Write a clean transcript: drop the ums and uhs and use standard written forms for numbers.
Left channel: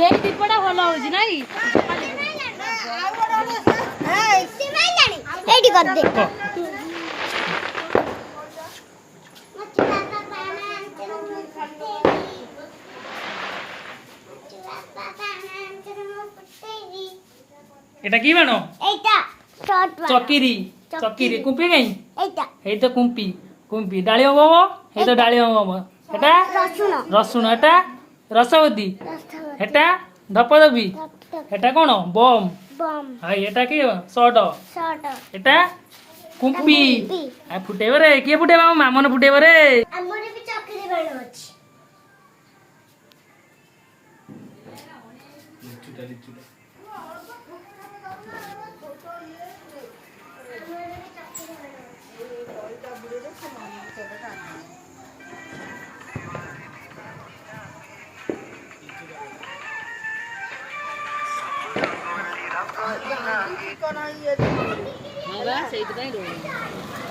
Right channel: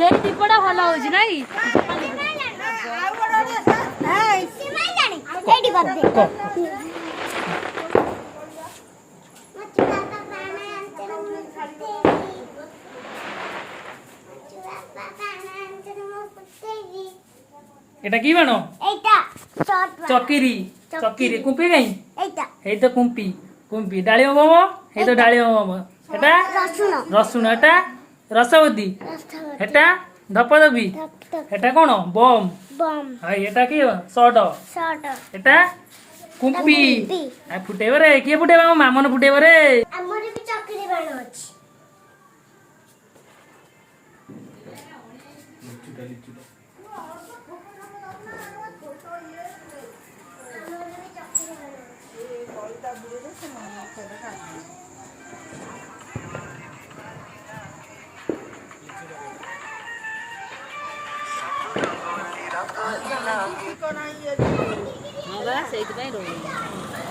ये दीपटा भल हो नहीं এটা কি বানো চকিরি চকিরি কুম্পি গাই এই তো কুম্পি কুম্পি ডালিম বম এই তো ডালিম বম এটা রসুন এটা রসবতী এটা ধপধপি এটা কোন বম হাই এটা কি শর্ট এটা কুম্পি ফুটেব রে কিଏ ফুটেব ଆମ ମାମନ ফুটেব রে ଆମର ବି ଚକିରି ବାଣ ଅଛି ସେଇଥିପାଇଁ ରହିବ